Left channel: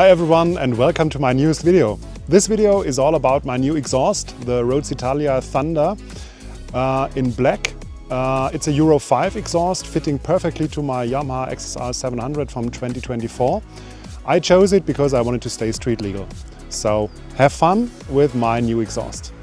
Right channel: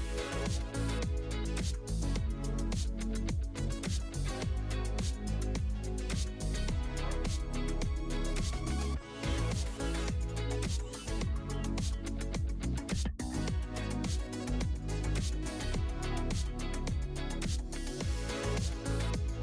Hi everyone and welcome to my newest video. This video is all about my new exhaust, the Rhodes Italia Thunder in black. It's a Euro 5 exhaust fitting perfectly to my Yamaha XSR 700 from 2024. I chose it because I wanted to stay street legal. So have fun with my new exhaust.